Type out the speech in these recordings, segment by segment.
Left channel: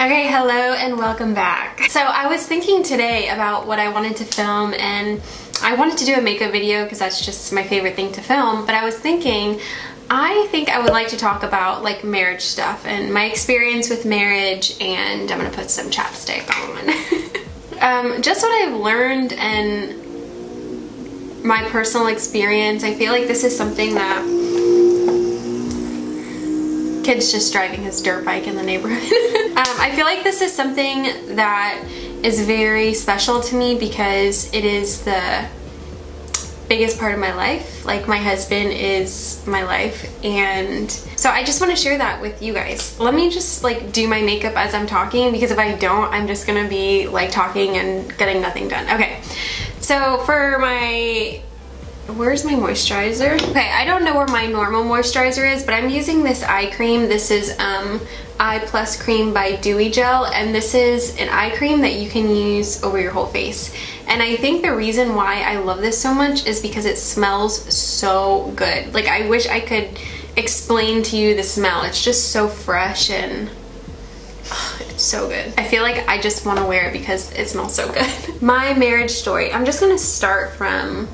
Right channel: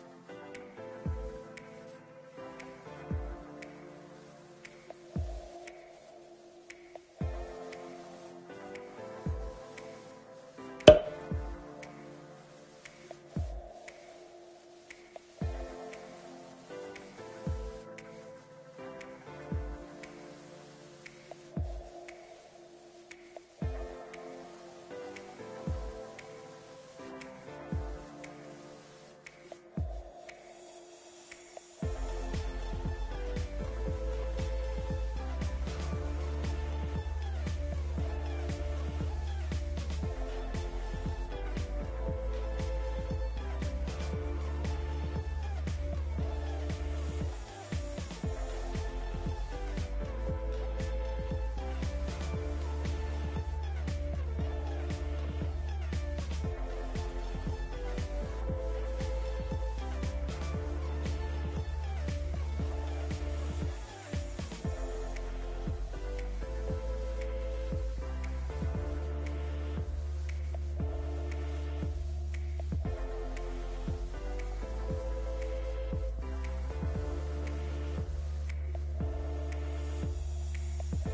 Okay, hello and welcome back. So I was thinking today about what I wanted to film, and I wanted to do a makeup video because that's just my favorite thing to film, but I was thinking I think I would like to talk about like marriage stuff and my experience with marriage, and I'm gonna put some chapstick on. Just what I've learned and my personal experience. I feel like this is something that kid's just driving his dirt bike in the neighborhood. I feel like this is something that is very special to me because it is the biggest part of my life. Like, my husband is my life, and so I just want to share that with you guys. Let me just like do my makeup as I'm talking, because if I don't, I'm just gonna be like talking and getting nothing done. Okay, so for my where's my moisturizer? Okay, I don't know where my normal moisturizer is, but I'm using this eye cream. This is Eye Plus Cream by Dewy Gel, and this is an eye cream that you can use over your whole face. And I think the reason why I love this so much is because it smells so good. Like, I wish I could explain to you the smell. It's just so fresh and it's so good. I feel like I just want to wear it because it smells so good. My marriage story. I'm just gonna start from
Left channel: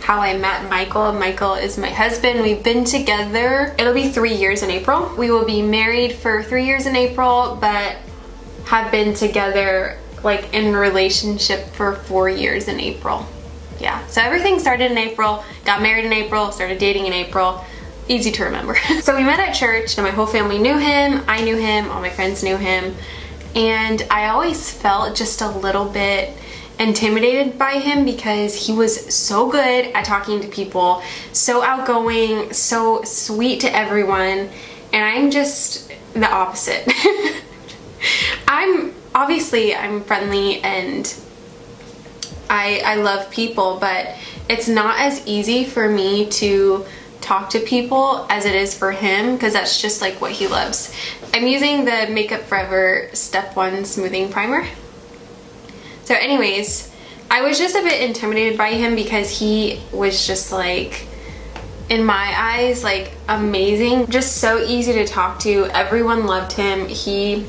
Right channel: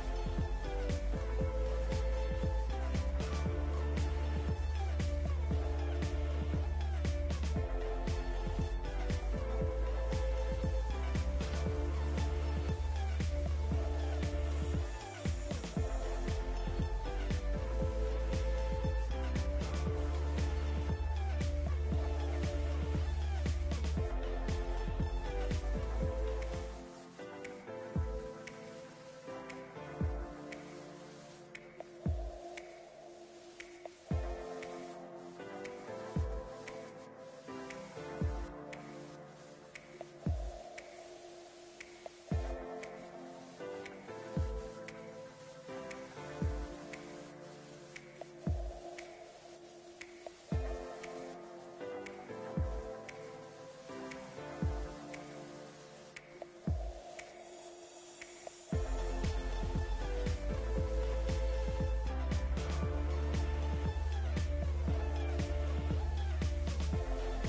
how I met Michael. Michael is my husband. We've been together, it'll be 3 years in April. We will be married for 3 years in April, but have been together like in relationship for 4 years in April. Yeah, so everything started in April, got married in April, started dating in April. Easy to remember. So we met at church, and my whole family knew him, I knew him, all my friends knew him, and I always felt just a little bit intimidated by him because he was so good at talking to people, so outgoing, so sweet to everyone, and I'm just the opposite. I'm friendly and I love people, but it's not as easy for me to talk to people as it is for him, because that's just like what he loves. I'm using the Makeup Forever Step 1 Smoothing Primer. So anyways, I was just a bit intimidated by him because he was just like, in my eyes, like amazing. Just so easy to talk to. Everyone loved him. He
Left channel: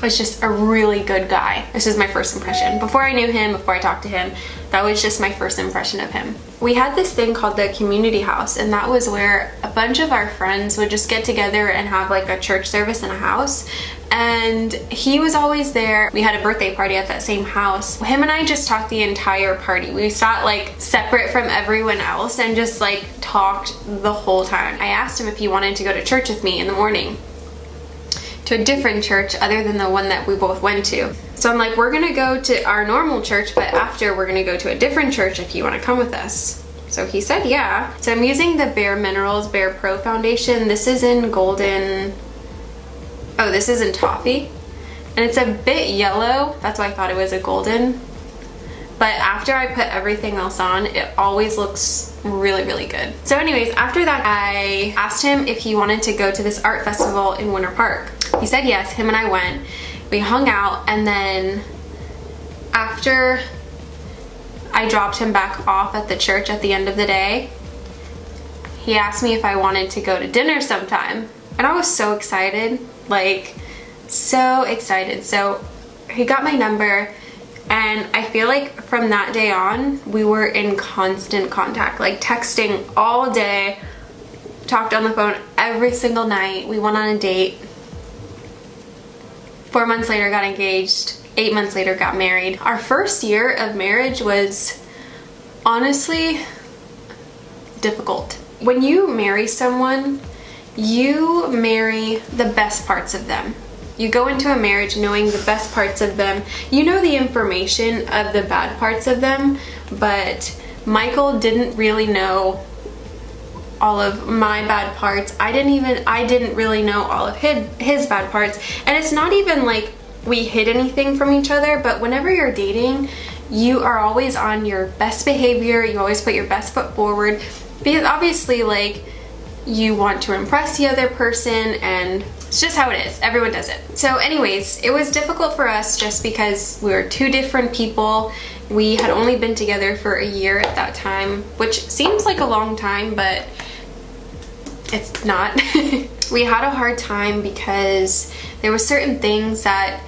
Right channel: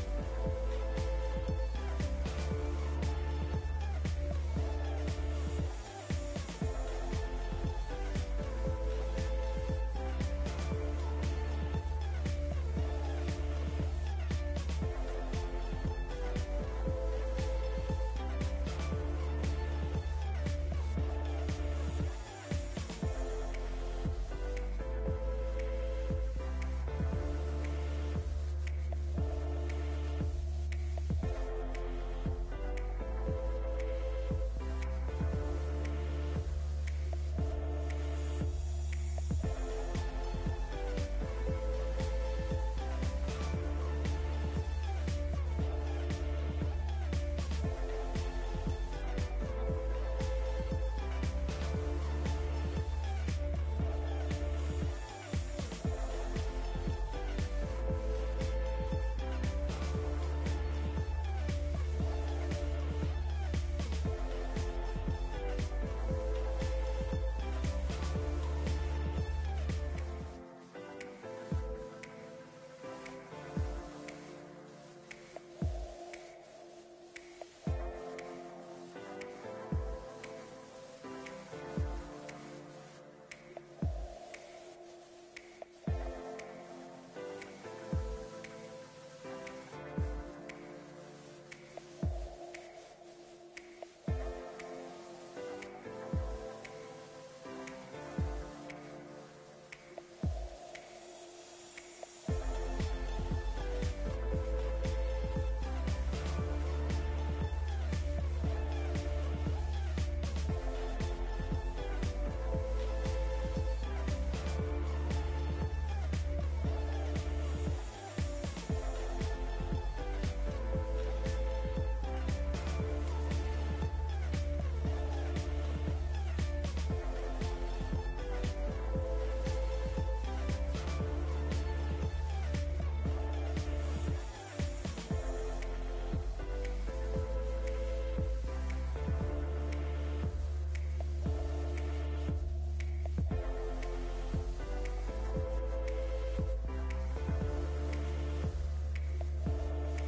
was just a really good guy. This is my first impression. Before I knew him, before I talked to him, that was just my first impression of him. We had this thing called the community house, and that was where a bunch of our friends would just get together and have like a church service in a house. And he was always there. We had a birthday party at that same house. Him and I just talked the entire party. We sat like separate from everyone else and just like talked the whole time. I asked him if he wanted to go to church with me in the morning, to a different church other than the one that we both went to. So I'm like, we're gonna go to our normal church, but after we're gonna go to a different church if you wanna come with us. So he said yeah. So I'm using the Bare Minerals Bare Pro foundation. This is in golden, oh, this is in toffee, and it's a bit yellow. That's why I thought it was a golden. But after I put everything else on, it always looks really, really good. So anyways, after that, I asked him if he wanted to go to this art festival in Winter Park. He said yes. Him and I went. We hung out, and then after I dropped him back off at the church at the end of the day, he asked me if I wanted to go to dinner sometime. And I was so excited, like so excited. So he got my number, and I feel like from that day on, we were in constant contact, like texting all day, talked on the phone every single night. We went on a date. 4 months later, got engaged. 8 months later, got married. Our first year of marriage was honestly difficult. When you marry someone, you marry the best parts of them. You go into a marriage knowing the best parts of them. You know the information of the bad parts of them, but Michael didn't really know all of my bad parts. I didn't really know all of his bad parts. And it's not even like we hid anything from each other, but whenever you're dating, you are always on your best behavior. You always put your best foot forward, because obviously like you want to impress the other person, and it's just how it is. Everyone does it. So anyways, it was difficult for us just because we were two different people. We had only been together for a year at that time, which seems like a long time, but it's not. we had a hard time because there were certain things that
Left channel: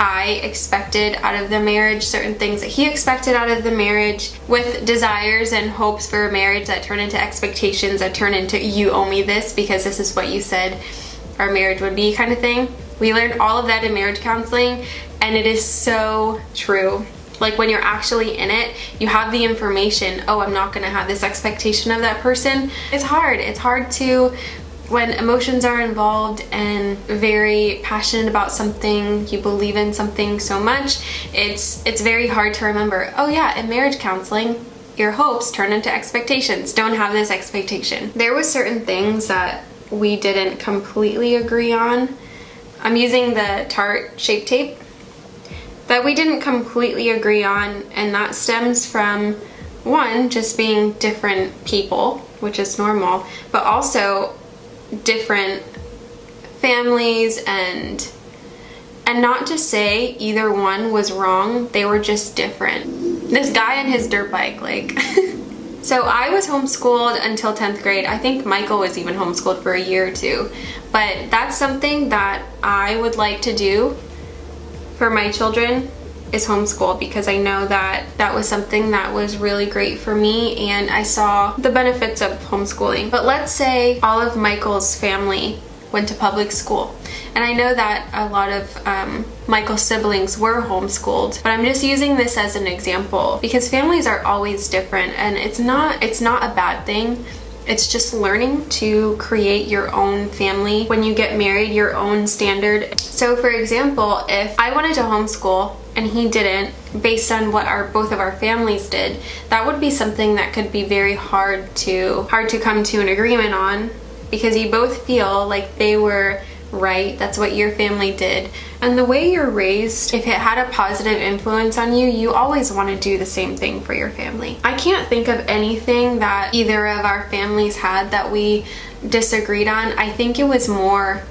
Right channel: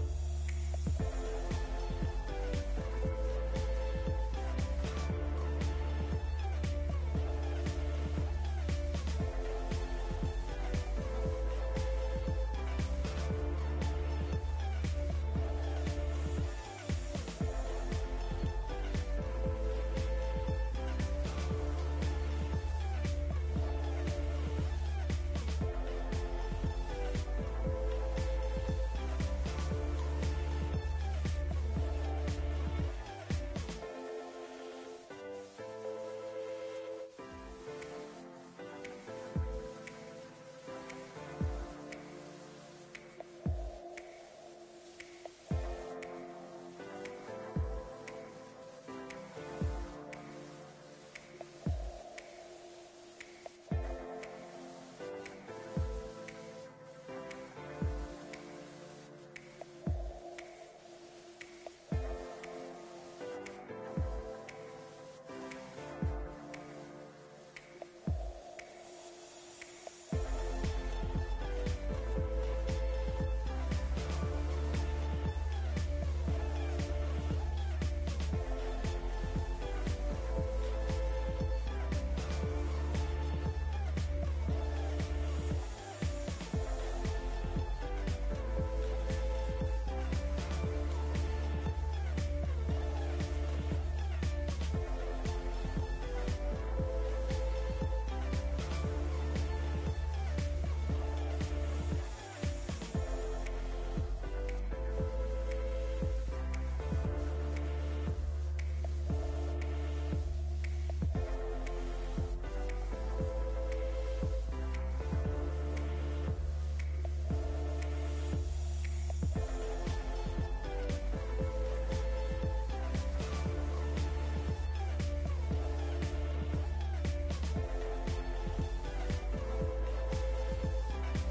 I expected out of the marriage, certain things that he expected out of the marriage, with desires and hopes for a marriage that turn into expectations that turn into you owe me this because this is what you said our marriage would be kind of thing. We learned all of that in marriage counseling, and it is so true. Like when you're actually in it, you have the information, oh, I'm not gonna have this expectation of that person. It's hard. It's hard to, when emotions are involved and very passionate about something, you believe in something so much, it's very hard to remember, oh yeah, in marriage counseling, your hopes turn into expectations. Don't have this expectation. There were certain things that we didn't completely agree on. I'm using the Tarte Shape Tape that we didn't completely agree on, and that stems from, one, just being different people, which is normal, but also different families, and not to say either one was wrong, they were just different. This guy and his dirt bike, like so I was homeschooled until 10th grade. I think Michael was even homeschooled for a year or two, but that's something that I would like to do for my children, is homeschool, because I know that that was something that was really great for me and I saw the benefits of homeschooling. But let's say all of Michael's family went to public school, and I know that a lot of Michael's siblings were homeschooled, but I'm just using this as an example because families are always different, and it's not a bad thing. It's just learning to create your own family when you get married, your own standard. So for example, if I wanted to homeschool and he didn't, based on what both of our families did, that would be something that could be very hard to come to an agreement on, because you both feel like they were right, that's what your family did. And the way you're raised, if it had a positive influence on you, you always want to do the same thing for your family. I can't think of anything that either of our families had that we disagreed on. I think it was more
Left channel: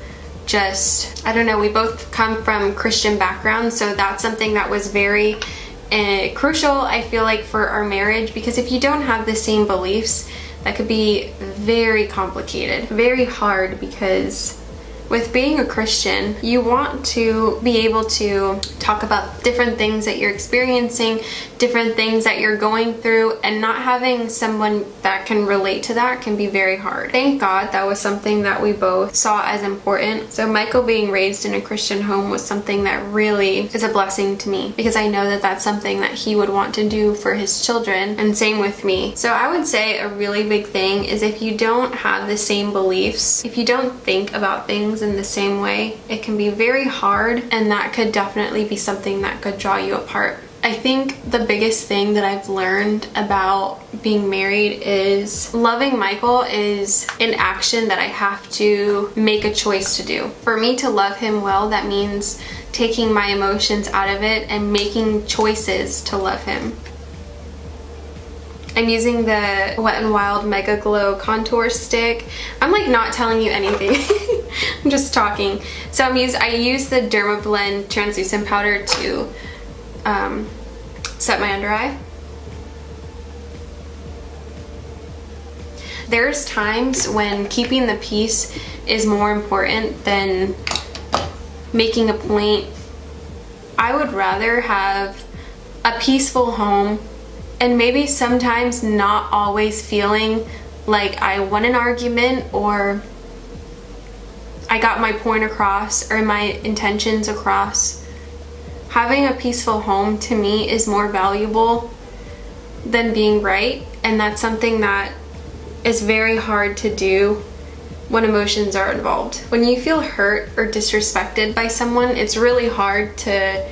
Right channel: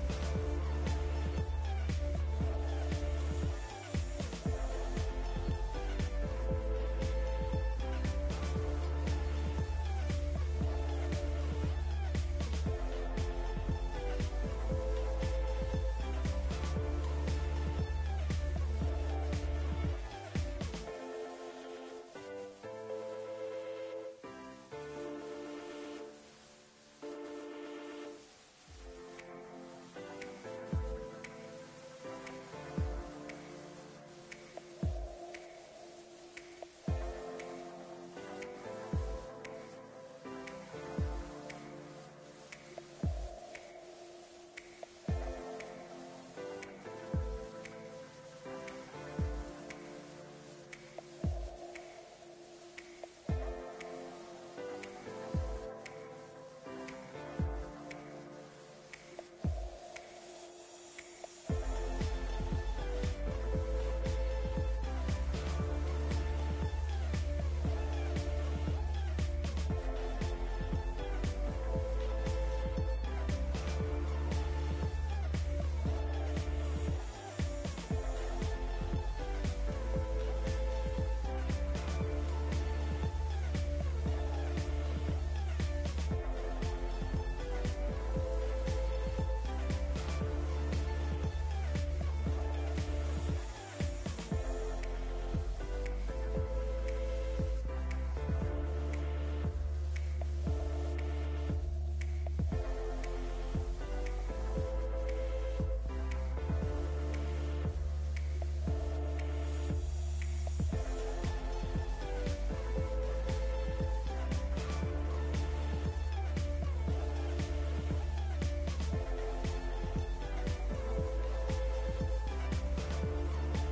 just, I don't know, we both come from Christian backgrounds, so that's something that was very crucial, I feel like, for our marriage, because if you don't have the same beliefs, that could be very complicated, very hard, because with being a Christian, you want to be able to talk about different things that you're experiencing, different things that you're going through, and not having someone that can relate to that can be very hard. Thank God that was something that we both saw as important. So Michael being raised in a Christian home was something that really is a blessing to me, because I know that that's something that he would want to do for his children, and same with me. So I would say a really big thing is, if you don't have the same beliefs, if you don't think about things in the same way, it can be very hard, and that could definitely be something that could draw you apart. I think the biggest thing that I've learned about being married is loving Michael is an action that I have to make a choice to do. For me to love him well, that means taking my emotions out of it and making choices to love him. I'm using the Wet n Wild Mega Glow contour stick. I'm like not telling you anything. I'm just talking. So I use the Dermablend translucent powder to set my under eye. There's times when keeping the peace is more important than making a point. I would rather have a peaceful home, and maybe sometimes not always feeling like I won an argument or I got my point across or my intentions across. Having a peaceful home to me is more valuable than being right, and that's something that is very hard to do when emotions are involved. When you feel hurt or disrespected by someone, it's really hard to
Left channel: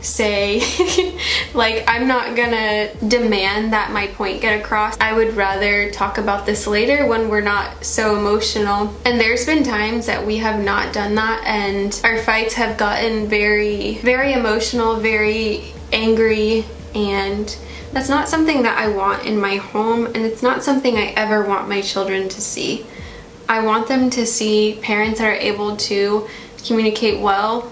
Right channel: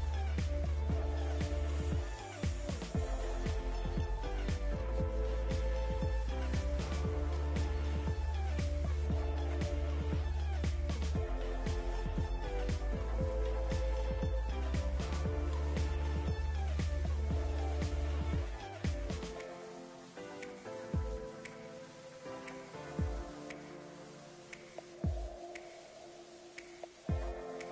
say like, I'm not gonna demand that my point get across. I would rather talk about this later when we're not so emotional. And there's been times that we have not done that, and our fights have gotten very, very emotional, very angry, and that's not something that I want in my home, and it's not something I ever want my children to see. I want them to see parents that are able to communicate well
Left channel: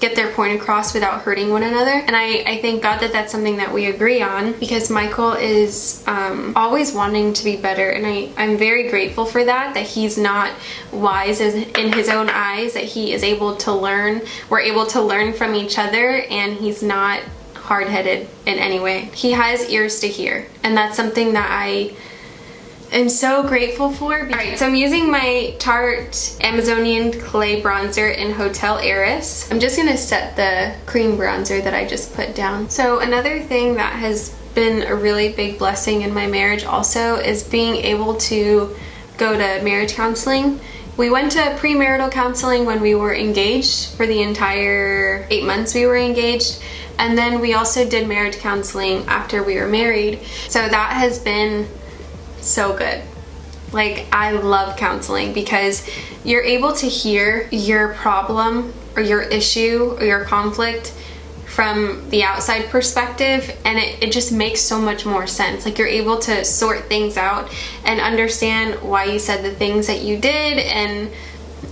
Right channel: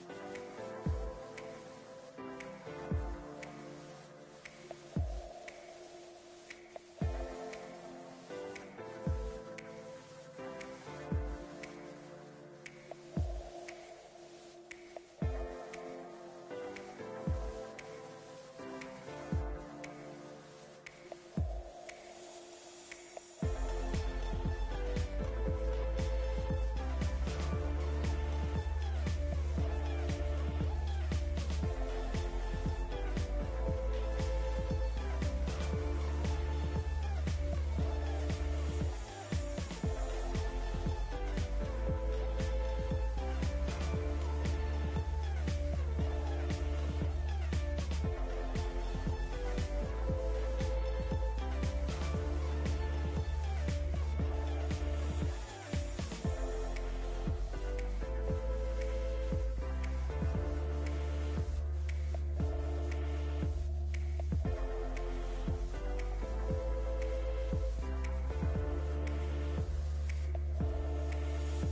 get their point across without hurting one another. And I thank God that that's something that we agree on, because Michael is always wanting to be better, and I'm very grateful for that, that he's not wise in his own eyes, that he is able to learn. We're able to learn from each other, and he's not hard-headed in any way. He has ears to hear, and that's something that I am so grateful for. Alright, so I'm using my Tarte Amazonian Clay Bronzer in Hotel Heiress. I'm just gonna set the cream bronzer that I just put down. So another thing that has been a really big blessing in my marriage also is being able to go to marriage counseling. We went to premarital counseling when we were engaged for the entire 8 months we were engaged. And then we also did marriage counseling after we were married. So that has been so good. Like, I love counseling because you're able to hear your problem or your issue or your conflict from the outside perspective, and it just makes so much more sense. Like, you're able to sort things out and understand why you said the things that you did and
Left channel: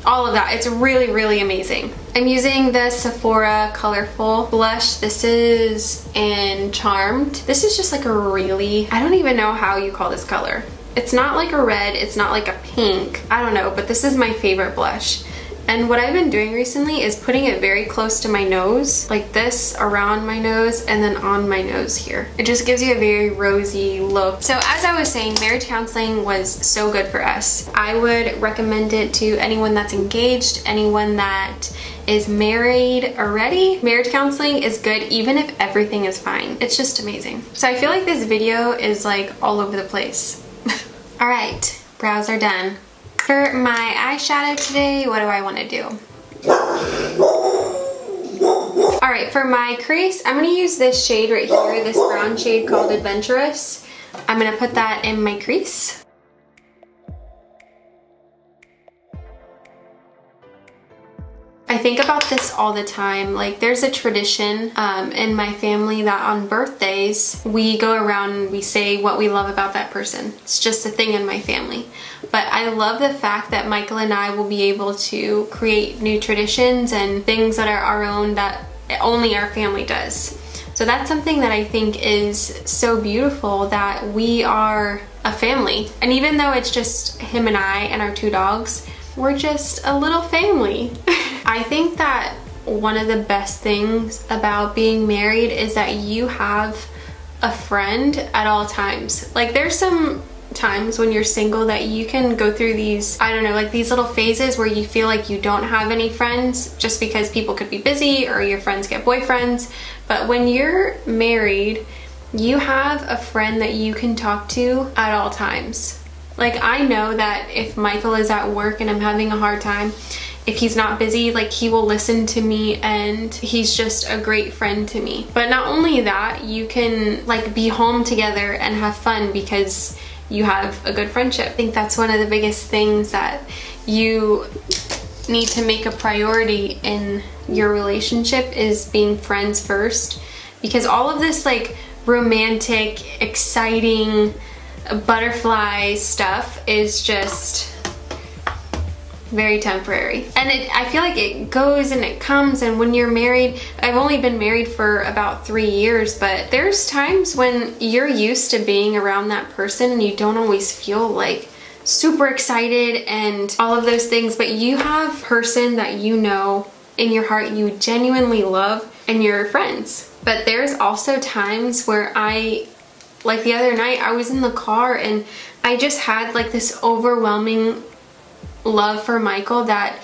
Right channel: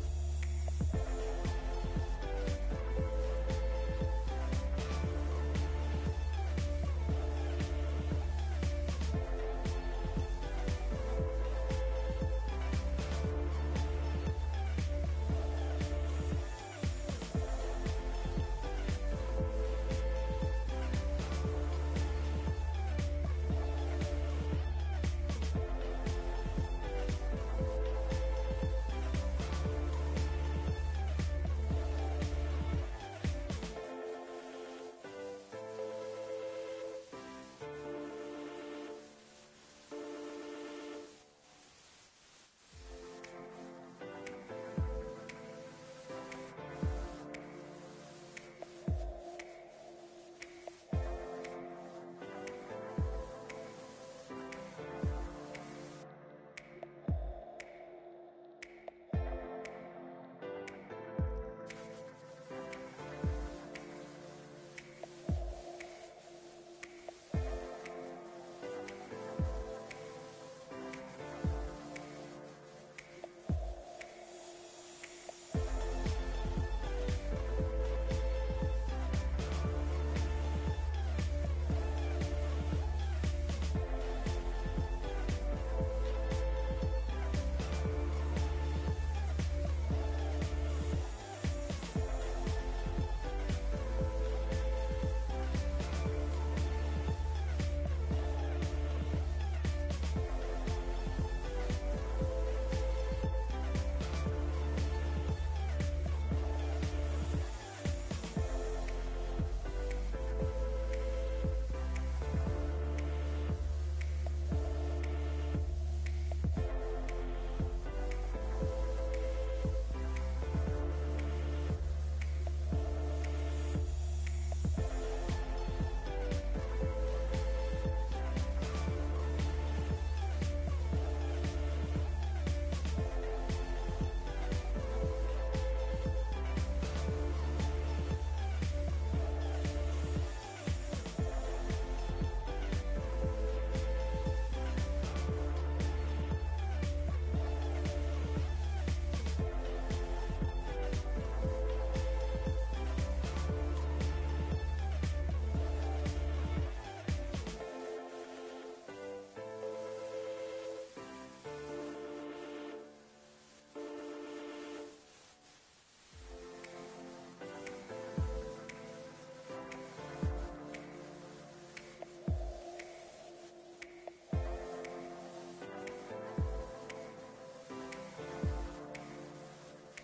all of that. It's really, really amazing. I'm using the Sephora Colorful blush. This is in Charmed. This is just like a really, I don't even know how you call this color. It's not like a red, it's not like a pink. I don't know, but this is my favorite blush. And what I've been doing recently is putting it very close to my nose, like this, around my nose, and then on my nose here. It just gives you a very rosy look. So as I was saying, marriage counseling was so good for us. I would recommend it to anyone that's engaged, anyone that is married already. Marriage counseling is good even if everything is fine. It's just amazing. So I feel like this video is like all over the place. All right, brows are done. For my eyeshadow today, what do I want to do? Alright, for my crease, I'm going to use this shade right here, this brown shade called Adventurous. I'm going to put that in my crease. I think about this all the time. Like, there's a tradition in my family that on birthdays, we go around and we say what we love about that person. It's just a thing in my family. But I love the fact that Michael and I will be able to create new traditions and things that are our own that only our family does. So that's something that I think is so beautiful, that we are a family. And even though it's just him and I and our 2 dogs, we're just a little family. I think that one of the best things about being married is that you have a friend at all times. Like, there's some times when you're single that you can go through these, I don't know, like these little phases where you feel like you don't have any friends just because people could be busy or your friends get boyfriends. But when you're married, you have a friend that you can talk to at all times. Like, I know that if Michael is at work and I'm having a hard time, if he's not busy, like, he will listen to me, and he's just a great friend to me. But not only that, you can like be home together and have fun because you have a good friendship. I think that's one of the biggest things that you need to make a priority in your relationship, is being friends first, because all of this like romantic, exciting, butterfly stuff is just very temporary. And I feel like it goes and it comes, and when you're married, I've only been married for about 3 years, but there's times when you're used to being around that person and you don't always feel like super excited and all of those things, but you have a person that you know in your heart you genuinely love and you're friends. But there's also times where like the other night, I was in the car and I just had like this overwhelming love for Michael that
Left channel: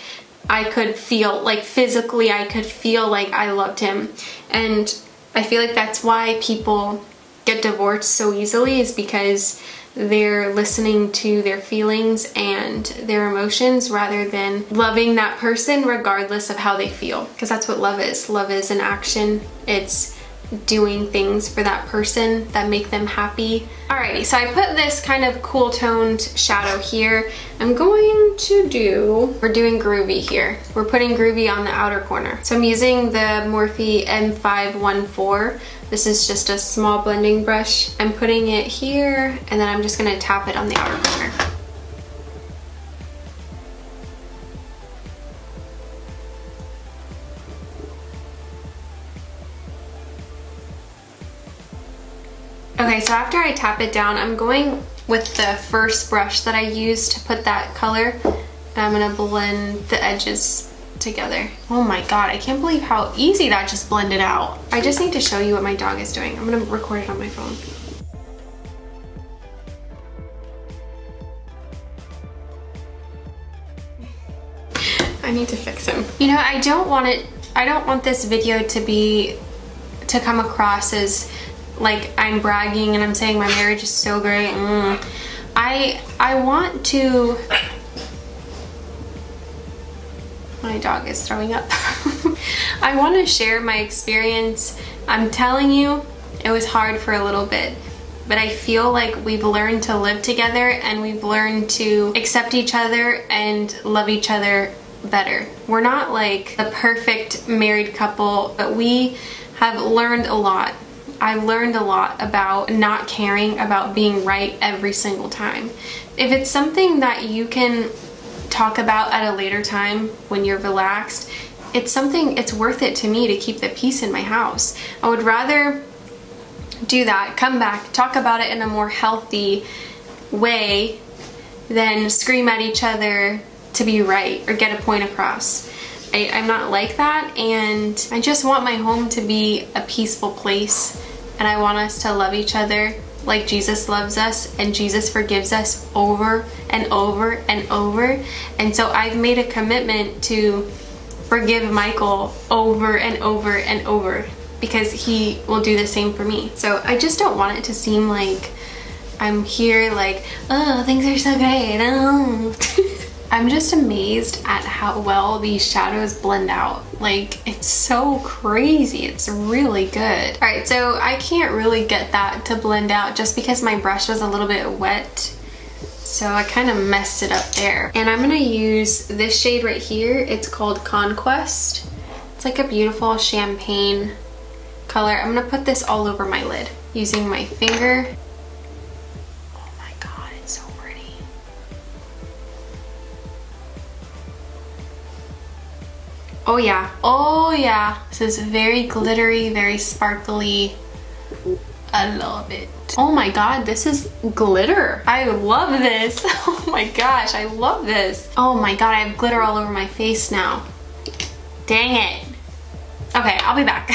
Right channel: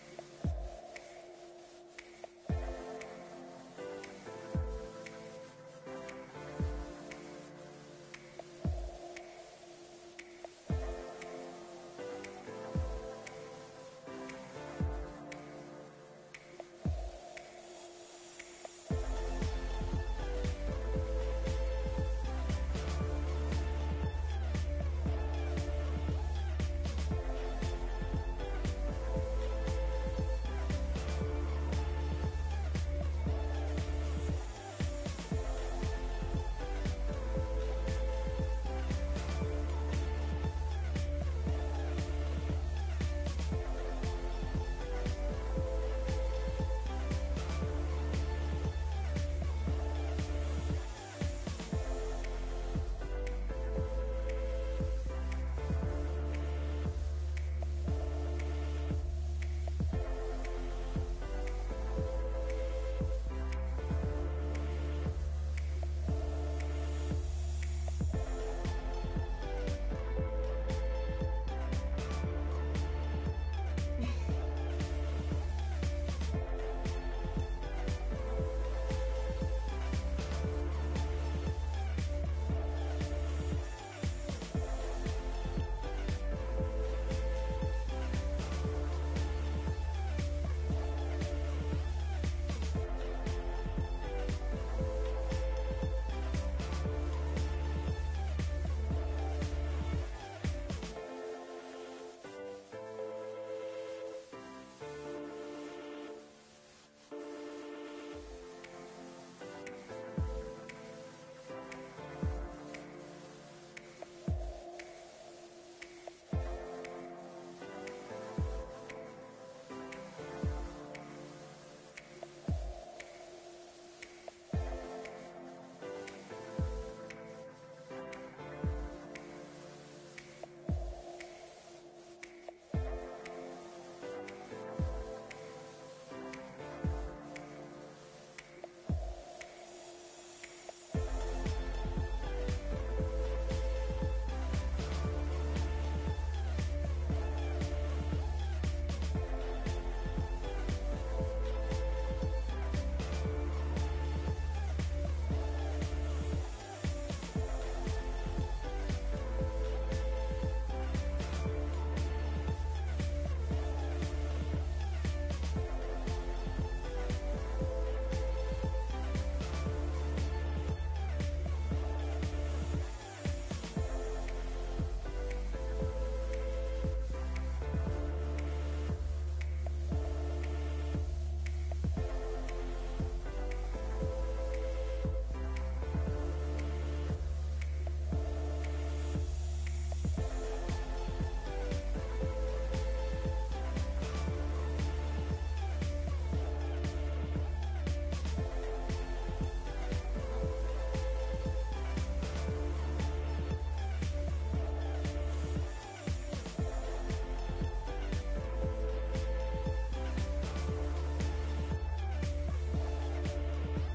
I could feel, like physically I could feel like I loved him. And I feel like that's why people get divorced so easily, is because they're listening to their feelings and their emotions rather than loving that person regardless of how they feel. Because that's what love is. Love is an action. It's doing things for that person that make them happy. Alrighty, so I put this kind of cool toned shadow here. I'm going to we're doing Groovy here. We're putting Groovy on the outer corner. So I'm using the Morphe M514. This is just a small blending brush. I'm putting it here, and then I'm just gonna tap it on the outer corner. Okay, so after I tap it down, I'm going with the first brush that I used to put that color, and I'm gonna blend the edges together. Oh my god, I can't believe how easy that just blended out. I just need to show you what my dog is doing. I'm gonna record it on my phone. I need to fix him. You know, I don't want this video to come across as like I'm bragging and I'm saying my marriage is so great. I want to... My dog is throwing up. I want to share my experience. I'm telling you, it was hard for a little bit, but I feel like we've learned to live together and we've learned to accept each other and love each other better. We're not like the perfect married couple, but we have learned a lot. I've learned a lot about not caring about being right every single time. If it's something that you can talk about at a later time when you're relaxed, it's worth it to me to keep the peace in my house. I would rather do that, come back, talk about it in a more healthy way than scream at each other to be right or get a point across. I'm not like that, and I just want my home to be a peaceful place, and I want us to love each other like Jesus loves us, and Jesus forgives us over and over and over. And so I've made a commitment to forgive Michael over and over and over because he will do the same for me. So I just don't want it to seem like I'm here like, oh, things are so great. Oh. I'm just amazed at how well these shadows blend out. Like, it's so crazy. It's really good. All right, so I can't really get that to blend out just because my brush was a little bit wet. So I kind of messed it up there. And I'm gonna use this shade right here. It's called Conquest. It's like a beautiful champagne color. I'm gonna put this all over my lid using my finger. Oh yeah, oh yeah. This is very glittery, very sparkly. I love it. Oh my god, this is glitter. I love this. Oh my gosh, I love this. Oh my god, I have glitter all over my face now. Dang it. Okay, I'll be back.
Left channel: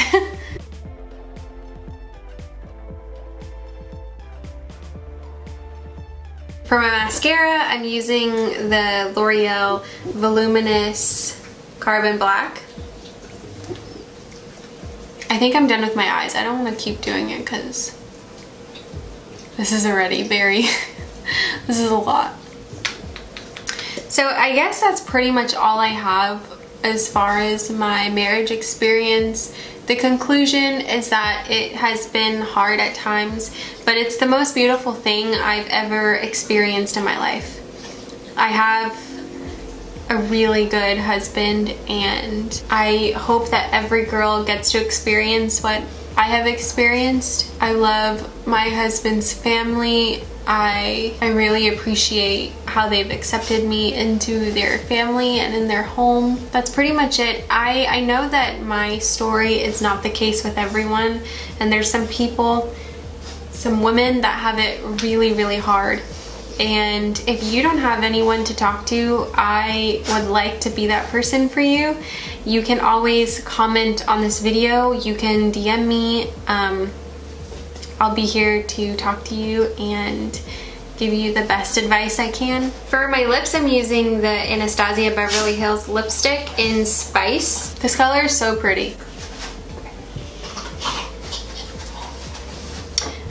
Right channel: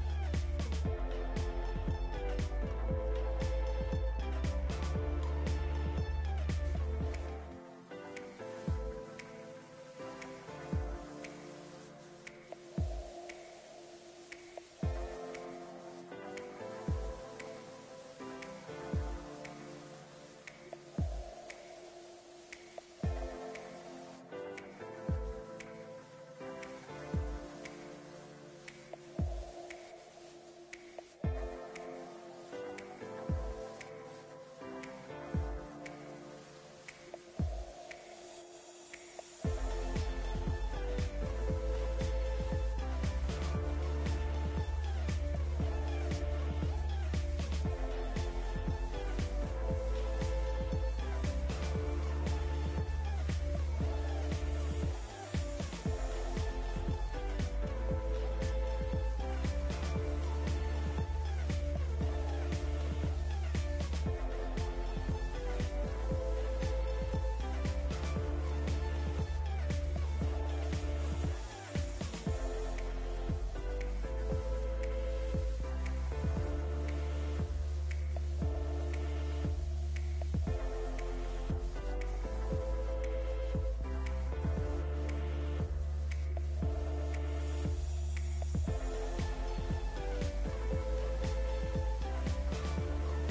For my mascara, I'm using the L'Oreal Voluminous Carbon Black. I think I'm done with my eyes. I don't want to keep doing it because this is already very, this is a lot. So I guess that's pretty much all I have as far as my marriage experience. The conclusion is that it has been hard at times, but it's the most beautiful thing I've ever experienced in my life. I have a really good husband, and I hope that every girl gets to experience what I have experienced. I love my husband's family. I really appreciate how they've accepted me into their family and in their home. That's pretty much it. I know that my story is not the case with everyone, and there's some people, some women that have it really, really hard. And if you don't have anyone to talk to, I would like to be that person for you. You can always comment on this video. You can DM me. I'll be here to talk to you and give you the best advice I can. For my lips, I'm using the Anastasia Beverly Hills lipstick in Spice. This color is so pretty.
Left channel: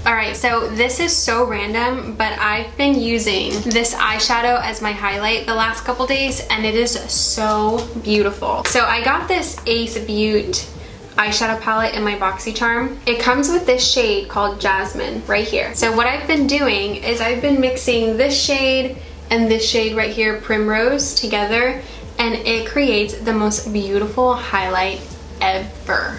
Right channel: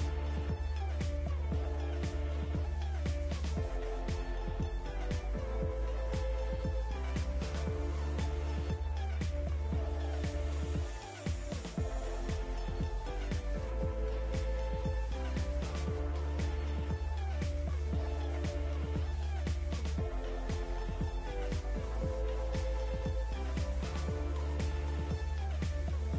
Alright, so this is so random, but I've been using this eyeshadow as my highlight the last couple days, and it is so beautiful. So I got this Ace Beauty eyeshadow palette in my BoxyCharm. It comes with this shade called Jasmine right here. So what I've been doing is I've been mixing this shade and this shade right here, Primrose, together, and it creates the most beautiful highlight ever.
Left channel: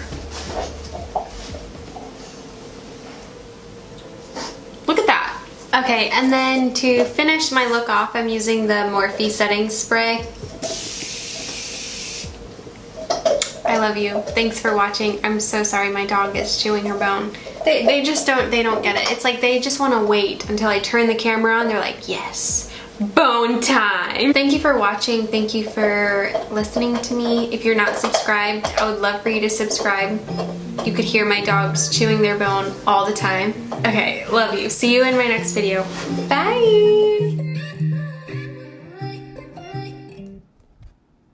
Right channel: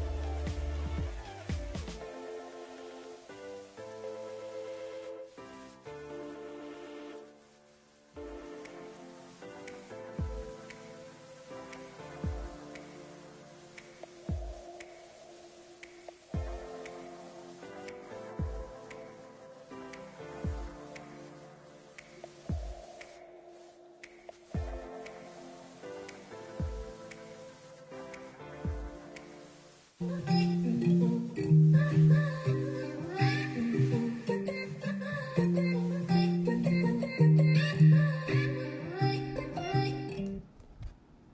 Look at that. Okay, and then to finish my look off, I'm using the Morphe setting spray. I love you. Thanks for watching. I'm so sorry my dog is chewing her bone. They just don't get it. It's like they just want to wait until I turn the camera on. They're like, yes, bone time. Thank you for watching. Thank you for listening to me. If you're not subscribed, I would love for you to subscribe. You could hear my dogs chewing their bone all the time. Okay, love you. See you in my next video. Bye.